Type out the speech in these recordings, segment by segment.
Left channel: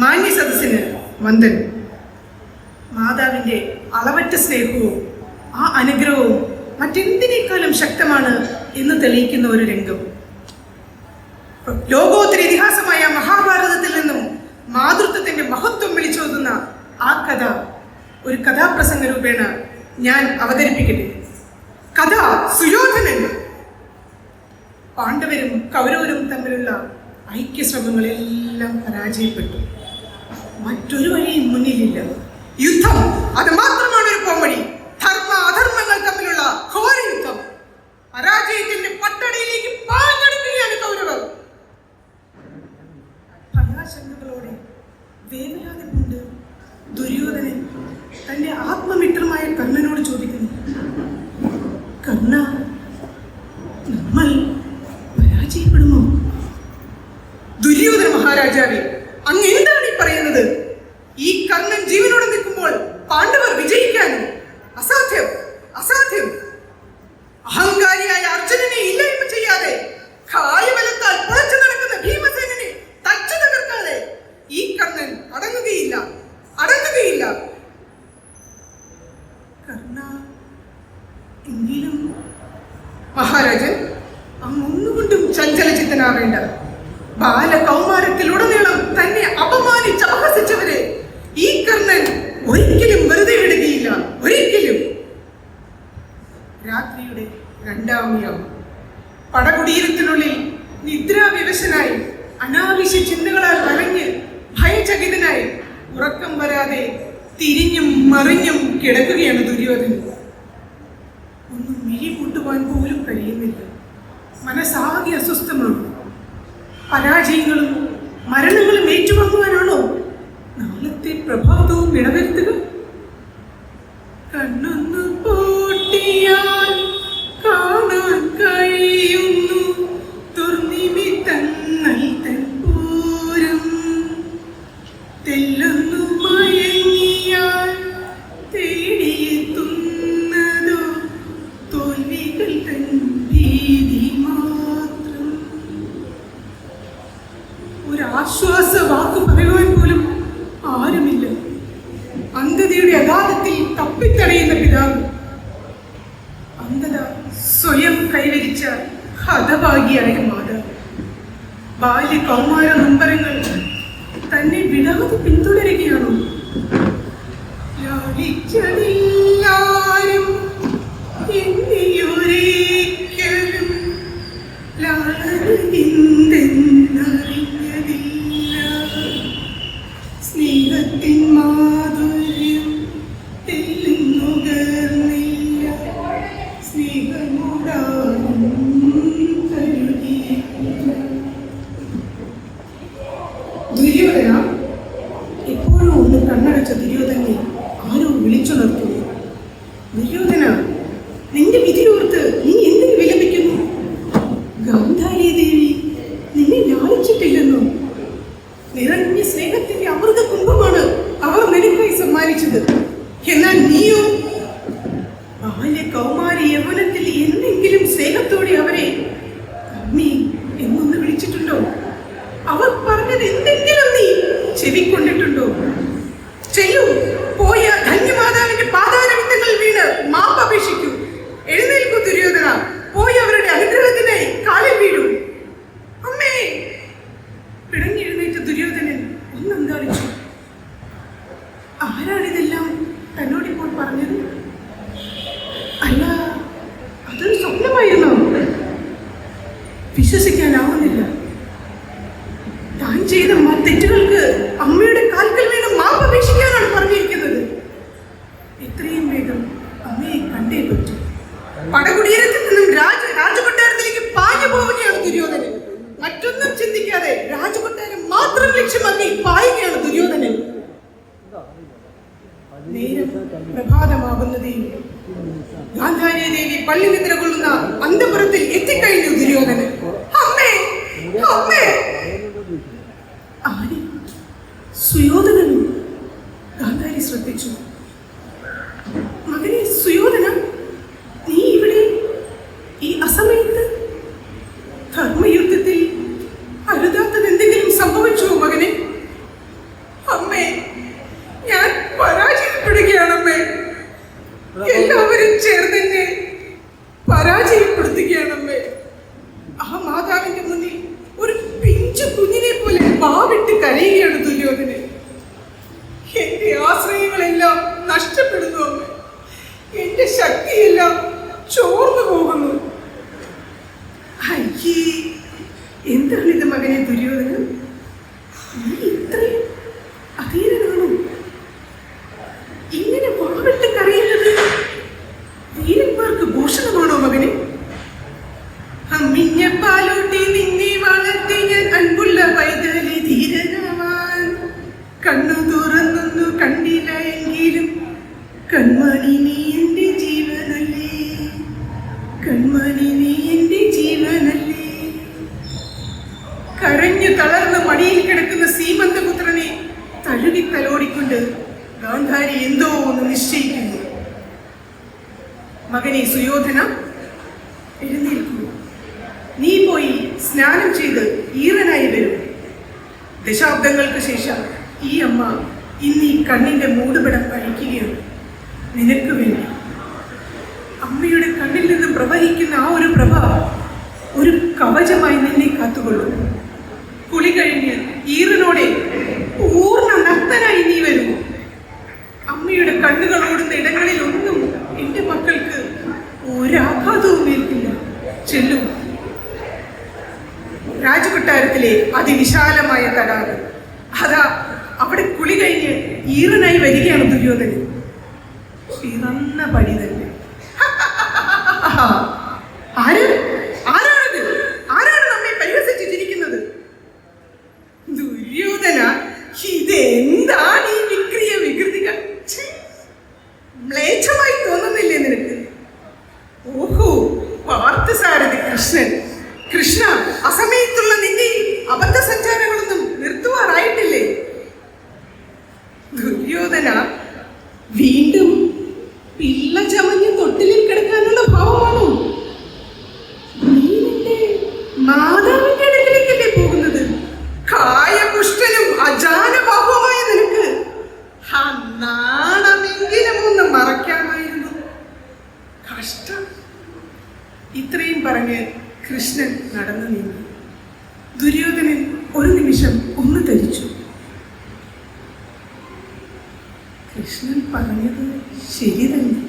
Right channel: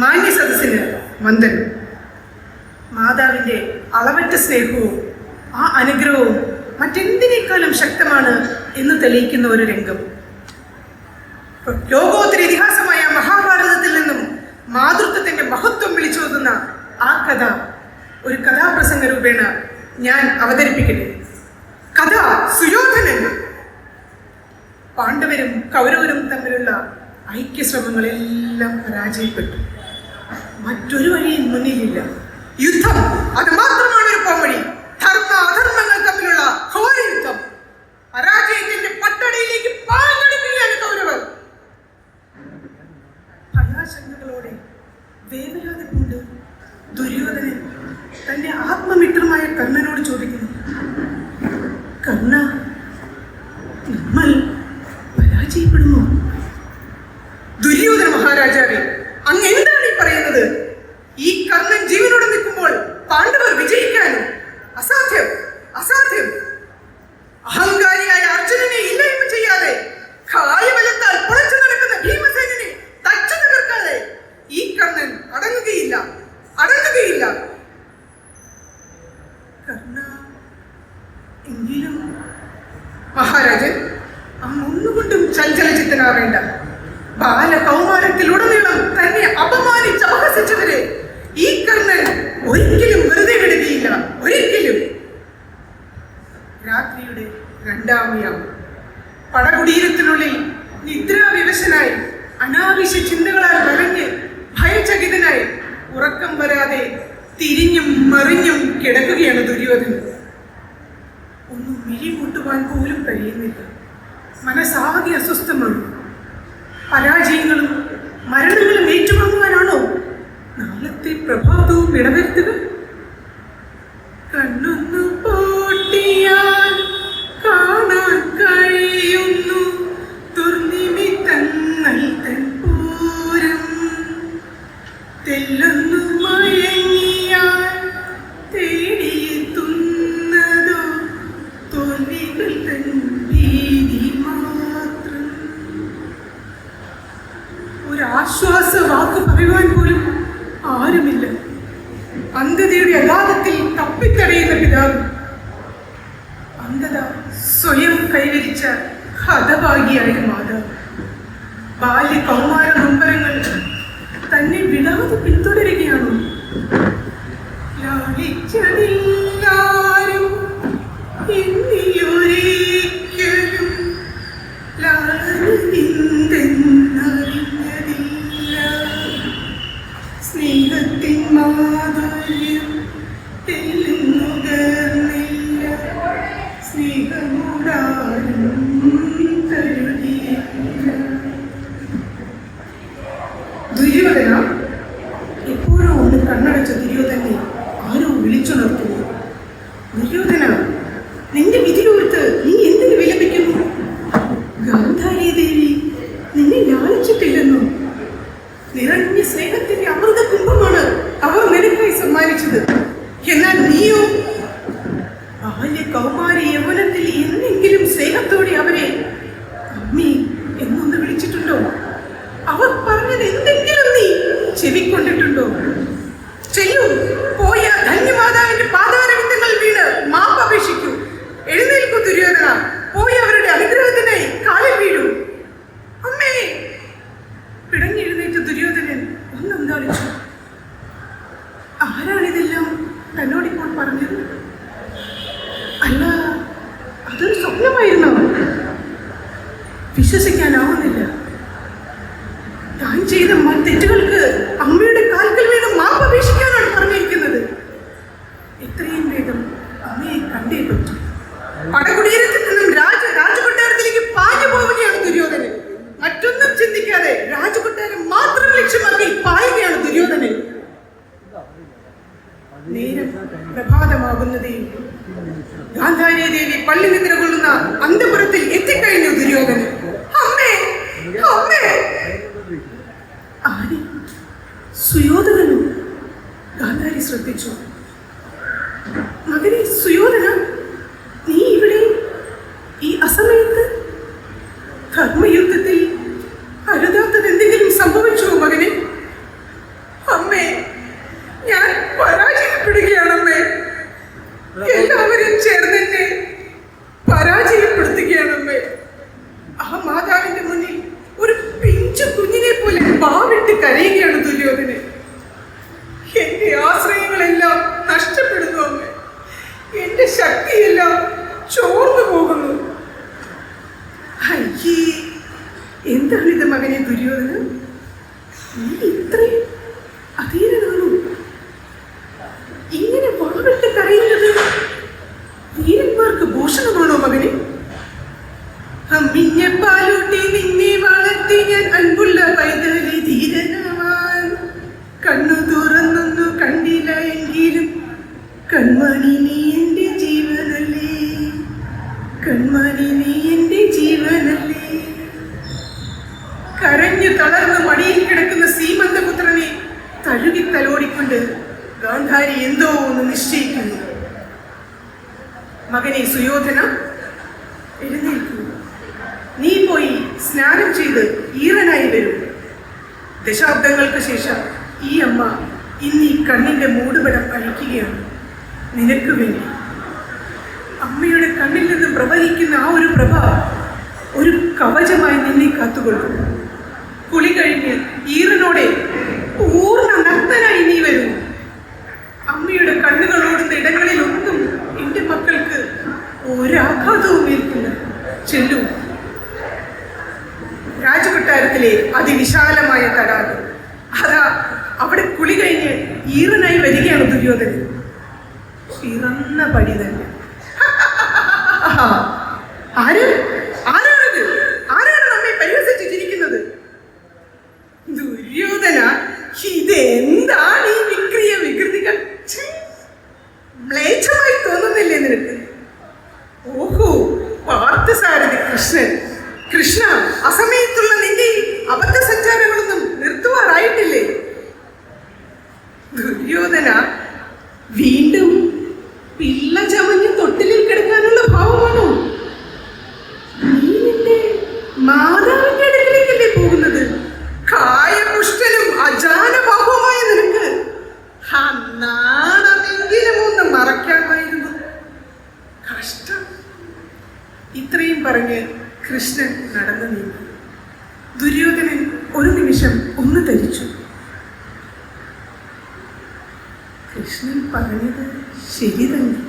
മാന്യ സദസ്സിന് വന്ദനം. മാതാവിൻ്റെ അളവറ്റ സ്നേഹവും ആ അനുഗ്രഹവും മറ്റെന്തിനേക്കാളും ശക്തമാണ് എന്ന് തെളിയിക്കുന്ന ഒരു രംഗം. ലോകോത്തര ഇതിഹാസമായ മഹാഭാരതത്തിൽ നിന്നും മാതൃത്വത്തിന്റെ മഹത്വം വിളിച്ചോതുന്ന ആ കഥ ഒരു കഥാപ്രസംഗ രൂപേണ ഞാൻ അവതരിപ്പിക്കട്ടെ. കഥ സുയോധനൻ. പാണ്ഡവരും കൗരവരും തമ്മിലുള്ള ഐക്യശ്രമങ്ങളെല്ലാം പരാജയപ്പെട്ടു. മറ്റൊരു വഴിയും മുന്നിലില്ല. യുദ്ധം, അത് മാത്രമാണ് ഒരു പോംവഴി. ധർമ്മ അധർമ്മങ്ങൾ തമ്മിലുള്ള ഘോര യുദ്ധം. പരാജയത്തിന്റെ പട്ടടയിലേക്ക് പാഞ്ഞെടുക്കുകയാണ് കൗരവർ. ഭയാശങ്കകളോടെ വേവലാതി കൊണ്ട് ദുര്യോധനൻ തന്റെ ആത്മമിത്രമായ കർണനോട് ചോദിക്കുന്നു, കർണ, നമ്മൾ പരാജയപ്പെടുമോ? ദുര്യോധന മഹാരാജാവേ, അങ്ങ് എന്താണ് ഈ പറയുന്നത്? ഈ കർണൻ ജീവനോടെ നിൽക്കുമ്പോൾ പാണ്ഡവർ വിജയിക്കാൻ അസാധ്യം, അസാധ്യം. അഹങ്കാരിയായ അർജുനനെ ഇല്ലായ്മ ചെയ്യാതെ, കായബലത്താൽ പുറച്ചു നടക്കുന്ന ഭീമസേനനെ തച്ചു തകർക്കാതെ ഈ കർണൻ അടങ്ങുകയില്ല, അടങ്ങുകയില്ല. കർണ, എങ്കിലും മഹാരാജൻ, അങ്ങ് ഒന്നുകൊണ്ടും ചഞ്ചലചിത്തനാവേണ്ട. ബാലകൗമാരത്തിലുടനീളം തന്നെ അപമാനിച്ച് അപഹസിച്ചവരെ ഈ കർണൻ ഒരിക്കലും വെറുതെ വിടുകയില്ല, ഒരിക്കലും. രാത്രിയുടെ രണ്ടാമയാവും. പടകുടീരത്തിനുള്ളിൽ നിദ്രാവിവശനായി, അനാവശ്യ ചിന്തകളാൽ നിറഞ്ഞ് ഭയചകിതനായി, ഉറക്കം വരാതെ തിരിഞ്ഞും മറിഞ്ഞും കിടക്കുകയാണ് ദുര്യോധനൻ. ഒന്നും മിഴി കൂട്ടുവാൻ പോലും കഴിയുന്നില്ല. മനസ്സാകെ അസ്വസ്ഥമാണ്. പരാജയങ്ങളും മരണങ്ങളും ഏറ്റുവാങ്ങുവാനാണോ നാളത്തെ പ്രഭാതവും ഇടവരുത്തുക? കണ്ണൊന്നു പൂട്ടിയാൽ കാണാൻ കഴിയുന്നു ദുർനിമിത്തങ്ങൾ തൻ പൂരം. തെല്ലൊന്നു മയങ്ങിയാൽ തേടിയെത്തുന്നതോ തോൽവികൾ തൻ ഭീതി മാത്രം. ഒരാശ്വാസ വാക്ക് പറയുവാൻ പോലും ആരുമില്ല. അന്ധതയുടെ അഗാധത്തിൽ തപ്പിത്തടയുന്ന പിതാവ്, അന്ധത സ്വയം കൈവരിച്ച ഹതഭാഗിയായ മാതാവ്. ബാല്യ കൗമാര നൊമ്പരങ്ങൾ തന്നെ വിടാതെ പിന്തുടരുകയാണോ? ലാളിച്ചതില്ലാരും എന്നിയൊരിക്കലും ലാളിന്തെന്നറിഞ്ഞതില്ല. സ്നേഹത്തിൻ മാധുര്യം തെല്ലുന്നുകർന്നില്ല. സ്നേഹമൂടാനും കരുതിയില്ല. ദുര്യോധന, എപ്പോഴും ഒന്ന് കണ്ണടച്ച ദുര്യോധനെ ആരോ വിളിച്ചുണർത്തുന്നു. ദുര്യോധന, നിന്റെ വിധിയോർത്ത് നീ എന്തിനു വിലപിക്കുന്നു? ഗാന്ധാരി ദേവി നിന്നെ ലാളിച്ചിട്ടില്ലെന്നോ? നിറഞ്ഞ സ്നേഹത്തിന്റെ അമൃത കുംഭമാണ് അവർ നിനക്കായി സമ്മാനിച്ചത്. എന്നാൽ നീയോ ബാല്യ കൗമാരി യൗവനത്തിൽ എന്തെങ്കിലും സ്നേഹത്തോടെ അവരെ അമ്മി എന്നൊന്ന് വിളിച്ചിട്ടുണ്ടോ? അവർ പറഞ്ഞത് എന്തെങ്കിലും നീ ചെവിക്കൊണ്ടിട്ടുണ്ടോ? ചെയ്യൂ, പോയ ധന്യമാതാവിന്റെ പാതാരവിന്ദങ്ങൾ വീണ് മാപ്പപേക്ഷിക്കൂ. എഴുന്നേൽക്കൂ ദുര്യോധന, പോയി അവരുടെ അനുഗ്രഹത്തിനായി കാലിൽ വീഴൂ. അമ്മേ! പിടങ്ങി എഴുന്നേറ്റ ദുര്യോധനൻ ഒന്നന്താളിച്ചു. ആരാണിതെല്ലാം തന്നോടിപ്പോൾ പറഞ്ഞത്? അല്ല, അതൊരു സ്വപ്നമായിരുന്നോ? വിശ്വസിക്കാനാവുന്നില്ല. താൻ ചെയ്ത തെറ്റുകൾക്ക് അമ്മയുടെ കാൽക്കൽ വീണ് മാപ്പപേക്ഷിക്കാനാണ് പറഞ്ഞിരിക്കുന്നത്. എത്രയും വേഗം അമ്മയെ കണ്ടേ പറ്റും. പടകുടീരത്തിൽ നിന്നും രാജകൊട്ടാരത്തിലേക്ക് പാഞ്ഞു പോവുകയാണ് ദുര്യോധനൻ. മറ്റൊന്നും ചിന്തിക്കാതെ രാജകൊട്ടാരം മാത്രം ലക്ഷ്യമാക്കി പായുകയാണ് ദുര്യോധനൻ. നേരം പ്രഭാതമാകുന്നതേ ഗാന്ധാരി ദേവി പള്ളി നിദ്ര കൊള്ളുന്ന അന്തപുരത്തിൽ എത്തിക്കഴിഞ്ഞു ദുര്യോധനൻ. അമ്മേ, അമ്മേ! ആര്? സുയോധനനും. ഗാന്ധാരി ശ്രദ്ധിച്ചു. മകനെ സുയോധന, നീ ഇവിടെ ഈ അസമയത്ത്? ധർമ്മയുദ്ധത്തിൽ അരുതാത്തത് എന്തെങ്കിലും സംഭവിച്ചുവോ മകനെ? പിഞ്ചു കുഞ്ഞിനെ പോലെ പാവിട്ട് കരയുകയാണ് ദുര്യോധനൻ. എന്റെ ആശ്രയങ്ങളെല്ലാം നഷ്ടപ്പെടുന്നു അമ്മ. എന്റെ ശക്തിയെല്ലാം ചോർന്നു പോകുന്നു. അയ്യേ, എന്താണ് ഇത് മകനെ ദുര്യോധനൻ? നീ ഇത്രയും അധീരനാണോ? ഇങ്ങനെ പാവിട്ട് കരയുന്നത് ധീരന്മാർക്ക് ഭൂഷണമാണോ മകനെ? അമ്മിഞ്ഞ പാലൂട്ടി നിന്നെ വളർത്തി ഞാൻ അൻപുള്ള പൈതലി ധീരനാവാൻ. കണ്ണു തുറന്നൊന്നു കണ്ടില്ല എങ്കിലും കൺമണി നീ എന്റെ ജീവനല്ലേ, കൺമണി നീ എന്റെ ജീവനല്ലേ. കരഞ്ഞു തളർന്ന് മടിയിൽ കിടക്കുന്ന സീമന്തപുത്രനെ തഴുകി തലോടിക്കൊണ്ട് ഗാന്ധാരി എന്തോ ഒന്ന് നിശ്ചയിക്കുന്നു. മകനെ സുയോധന, എഴുന്നേൽക്കൂ. നീ പോയി സ്നാനം ചെയ്ത് ഈറനായി വരും. ദശാബ്ദങ്ങൾക്ക് ശേഷം ഈ അമ്മ ഇന്ന് ഈ കണ്ണിന്റെ മൂടുപടം കഴിക്കുകയാണ് നിനക്ക് വേണ്ടി. അമ്മയുടെ കണ്ണിൽ നിന്ന് പ്രവഹിക്കുന്ന ആ ഒരു പ്രഭ ഒരു കവചമായി നിന്നെ കാത്തുകൊള്ളും. കുളി കഴിഞ്ഞ് ഈറനോടെ പൂർണ്ണ നഗ്നനായി നീ വരുന്നു. അമ്മയുടെ കണ്ണുകൾ ഓടുന്ന ഇടങ്ങളിലൊന്നും എന്റെ മക്കൾക്ക് ഒരാഘാതവും ഏൽക്കില്ല. ചെല്ലു. രാജകൊട്ടാരത്തിലെ അതിവിശാലമായ തടാകം, അതാ അവിടെ കുളി കഴിഞ്ഞ് ഈറനായി വരികയാണ് ദുര്യോധനൻ. പിറന്ന പടി തന്നെ. ആരാണിത്? ആരാണ് നമ്മെ പരിഹസിച്ച് ചിരിക്കുന്നത്? ദുര്യോധന, ഇതെന്താണ് ഈ വിക്രിയ വികൃതികൾ? മ്ലേച്ഛമായി തോന്നുന്നില്ലേ നിനക്ക്? ഓഹോ, പാർത്ഥസാരഥി കൃഷ്ണൻ. കൃഷ്ണ, അസമയത്തുള്ള നിന്റെ അബദ്ധ സഞ്ചാരങ്ങളൊന്നും നിർത്തുവാറായിട്ടില്ലേ? ദുര്യോധന, വീണ്ടും പിള്ള ചമഞ്ഞ് തൊട്ടിലിൽ കിടക്കാനുള്ള ഭാവമാണോ? നീ നിന്റെ മാതാവിന്റെ അടുക്കലേക്കല്ലേ പോകുന്നത്? കായപുഷ്ടനും അജാനബാഹുവുമായ നിനക്ക് നാണമെങ്കിലും ഒന്ന് മറക്കാമായിരുന്നു. കഷ്ടം. ഇത്രയും പറഞ്ഞ് കൃഷ്ണൻ നടന്നു നീങ്ങി. ദുര്യോധനൻ ഒരു നിമിഷം ഒന്ന് ധരിച്ചു. കൃഷ്ണൻ പറഞ്ഞത് ശരി തന്നെ.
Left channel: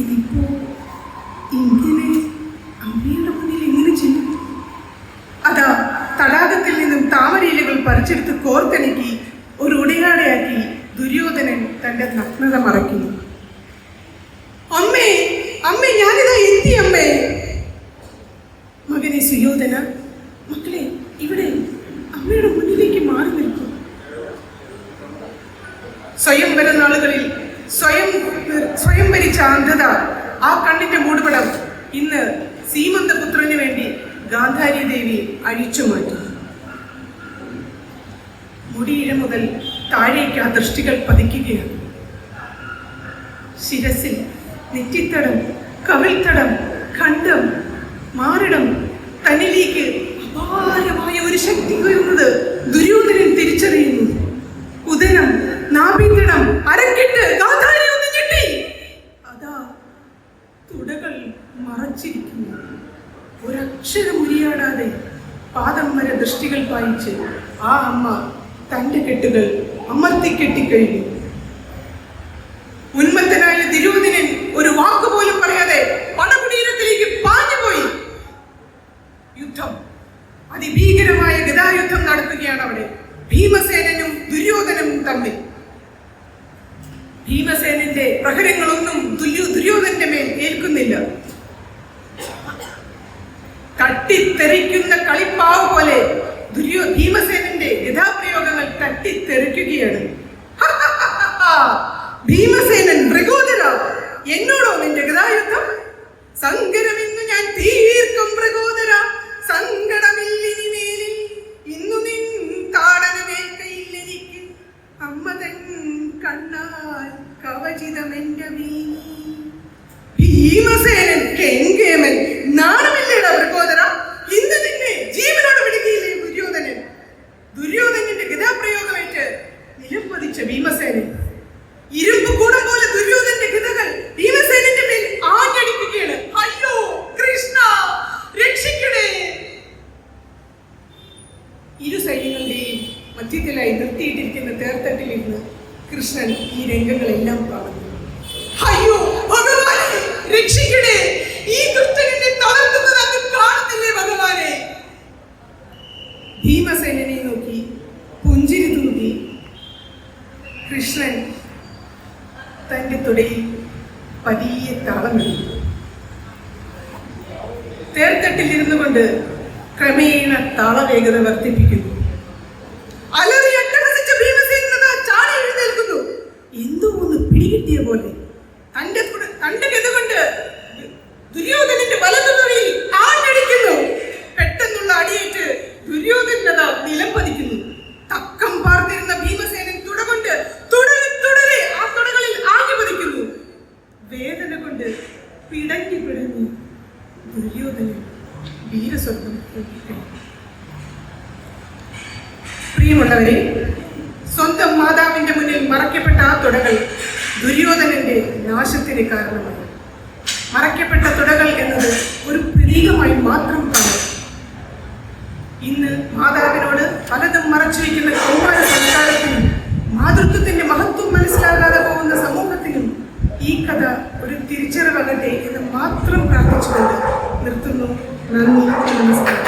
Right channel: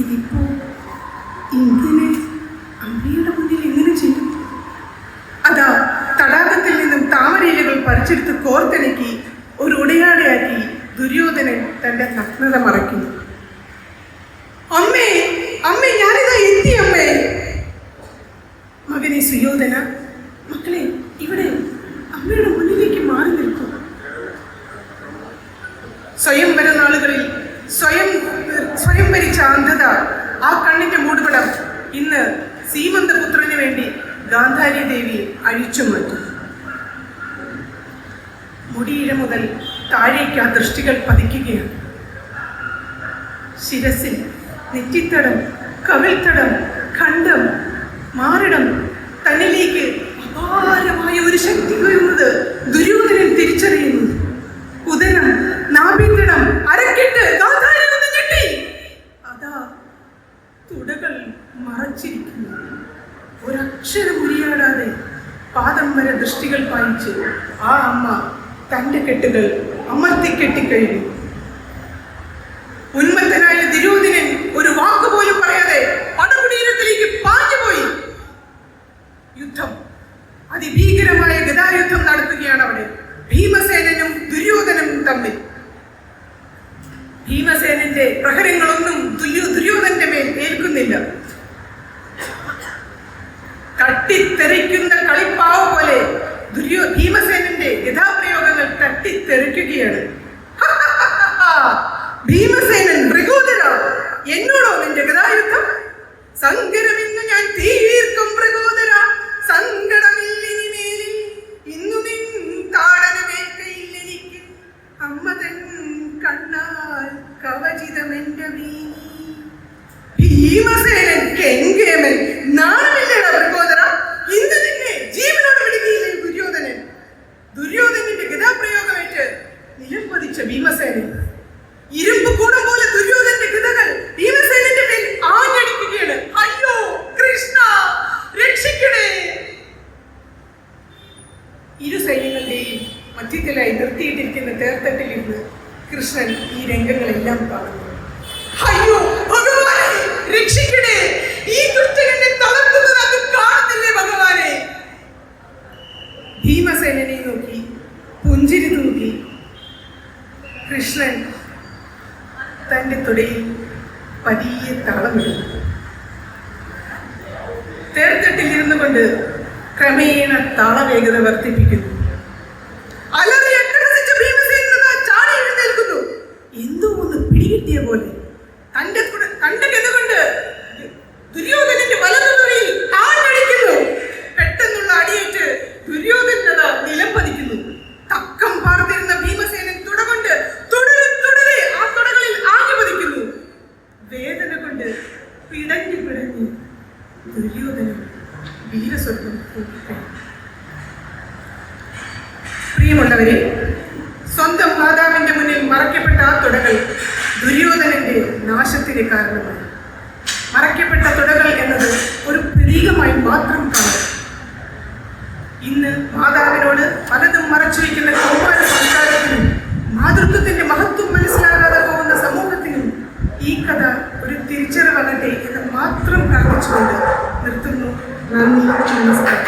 ഇതിപ്പോ ഇങ്ങനെ അമ്മയുടെ മുന്നിൽ എങ്ങനെ ചെയ്യും? അതാ തടാകത്തിൽ നിന്നും താമരയിലകൾ പറിച്ചെടുത്ത് കോർത്തിണക്കി ഒരു ഉടയാടയാക്കി ദുര്യോധനൻ തന്റെ നഗ്നത മറയ്ക്കുന്നു. അമ്മേ, അമ്മേ, ഞാനിതാ എത്തി അമ്മേ. മകനെ സുയോധന, മക്കളെ, ഇവിടെ അമ്മയുടെ മുന്നിലേക്ക് മാറി നിൽക്കും. സ്വയംവര നാളുകളിൽ സ്വയം ഭരിച്ച അന്ധത, ആ കണ്ണിന്റെ മൂടുപടം ഇന്ന് സീമന്തപുത്രന് വേണ്ടി ഗാന്ധാരി ദേവി അഴിച്ചു മാറ്റും. മുടിയിഴ മുതൽ താഴേക്ക് ആ ദൃഷ്ടികൾ പതിക്കുകയാണ്. ശിരസിൽ നെറ്റിത്തടം, കവിൾത്തടം, ഖണ്ഡം, മാറിടം, തന്നിലേക്ക് അപാരമായ ഒരു ശക്തി വരുന്നത് ദുര്യോധനൻ തിരിച്ചറിയുന്നു. ഉദരം, നാഭീതടം, അരക്കെട്ട്, ഗാന്ധാരി ഒന്ന് ഞെട്ടി. അതാ തുടകൾ മറച്ചിരിക്കുന്നു. ഒരക്ഷരം ഉരിയാടാതെ പാദം വരെ ദൃഷ്ടികൾ പായിച്ച് ആ അമ്മ തന്റെ കെട്ടുകൾ അമർത്തിക്കെട്ടിക്കഴിഞ്ഞു. ഉന്മത്തനായ ദുര്യോധനൻ ഒരു വാക്കുപോലും പറയാതെ പടകുടീരത്തിലേക്ക് പാഞ്ഞുപോയി. യുദ്ധം, അതിഭീകരമായ ഗദായുദ്ധം നടത്തുകയാണ് അവിടെ. ഭീമസേനനും ദുര്യോധനും തമ്മിൽ. ഭീമസേനന്റെ പ്രഹരങ്ങളൊന്നും ദുര്യോധനന്റെ മേൽ ഏൽക്കുന്നില്ല. തട്ടിത്തെറിക്കുന്ന കളിപ്പാവ് പോലെ ഭീമസേനന്റെ ഗദാപ്രയോഗങ്ങൾ തട്ടിത്തെറിക്കുകയാണ്. ഭീമസേനൻ മൃഗോദര, എന്നോടോ നിന്റെ ഗദായുദ്ധം? സങ്കരമിന്നു ഞാൻ തീർക്കും മൃഗോദര, സങ്കടമില്ലിനി മേലിൽ, ഇന്നു നിൻ താടനമേൽക്കയില്ലെനിക്ക്. അമ്മ തൻ കണ്ണാൽ കവചിതമെന്റെ വീണി. ഭീമസേനൻ കെങ്കേമൻ, നാണമില്ലേടാ മൃഗോദര? ഇന്ന് നിന്നെ ജീവനോട് വിടുകയില്ലേ ദുര്യോധനൻ? ദുര്യോധനന്റെ ഗദാപ്രയോഗമേറ്റ് നിലം പതിച്ച ഭീമസേനൻ ഇരുമ്പ് കൂടം പോലെ ദുര്യോധനന്റെ ഗദകൾ ഭീമസേനന്റെ മേൽ ആഞ്ഞടിക്കുകയാണ്. അയ്യോ കൃഷ്ണ, രക്ഷിക്കണേ! ഇരു സൈന്യങ്ങളുടെയും മധ്യത്തിലായി നിർത്തിയിട്ടിരിക്കുന്ന തേർത്തട്ടിലിരുന്ന് കൃഷ്ണൻ ഈ രംഗങ്ങളെല്ലാം കാണുന്നു. അയ്യോ ഭഗവാനെ, രക്ഷിക്കണേ! ഈ ദുഷ്ടനെ തളർത്തുന്നത് അങ്ങ് കാണുന്നില്ലേ ഭഗവാനെ? ഭീമസേനനെ നോക്കി പുഞ്ചിരി തൂക്കി കൃഷ്ണൻ തന്റെ തുടയിൽ പതിയെ താളമിടുന്നു. തേർത്തട്ടിലിരുന്നു കൊണ്ട് ക്രമേണ താളവേഗത വർദ്ധിപ്പിക്കുന്നു. അലറി അട്ടഹസിച്ച ഭീമസേന ചാടി എഴുന്നേൽക്കുന്നു. എന്തോ ഒന്ന് പിടികിട്ടിയ പോലെ തന്റെ ഗതകൊണ്ട് ദുര്യോധനന്റെ വലതുതുറയിൽ ആഞ്ഞടിക്കുന്നു. പെട്ടെന്നുള്ള അടിയേറ്റ് ദുര്യോധനത നിലം പതിക്കുന്നു. തക്കം പാർത്തിരുന്ന ഭീമസേനൻ തുടകൊണ്ട് തുടരെ ആ തുടകളിൽ ആഞ്ഞു പതിക്കുന്നു. വേദന കൊണ്ട് പിടഞ്ഞു ദുര്യോധനൻ വീരസ്വർഗം പൂക്കിക്കഴിഞ്ഞു. പ്രിയമുള്ളവരെ, സ്വന്തം മാതാവിന്റെ മുന്നിൽ മറയ്ക്കപ്പെട്ട ആ തുടകൾ ദുര്യോധനന്റെ നാശത്തിന് കാരണമായി. മറയ്ക്കപ്പെട്ട തുടകൾ എന്നത് ഒരു പ്രതീകമായി മാത്രം കാണും. ഇന്ന് മാതാവിനോട് പലതും മറച്ചു വയ്ക്കുന്ന കൗമാര സംസ്കാരത്തിനും മാതൃത്വത്തിന്റെ മഹത്വം മനസ്സിലാകാതെ പോകുന്ന സമൂഹത്തിനും ഈ കഥ ഒരു തിരിച്ചറിവാകട്ടെ എന്ന് മാത്രം പ്രാർത്ഥിച്ചുകൊണ്ട് നിർത്തുന്നു. നന്ദി, നമസ്കാരം.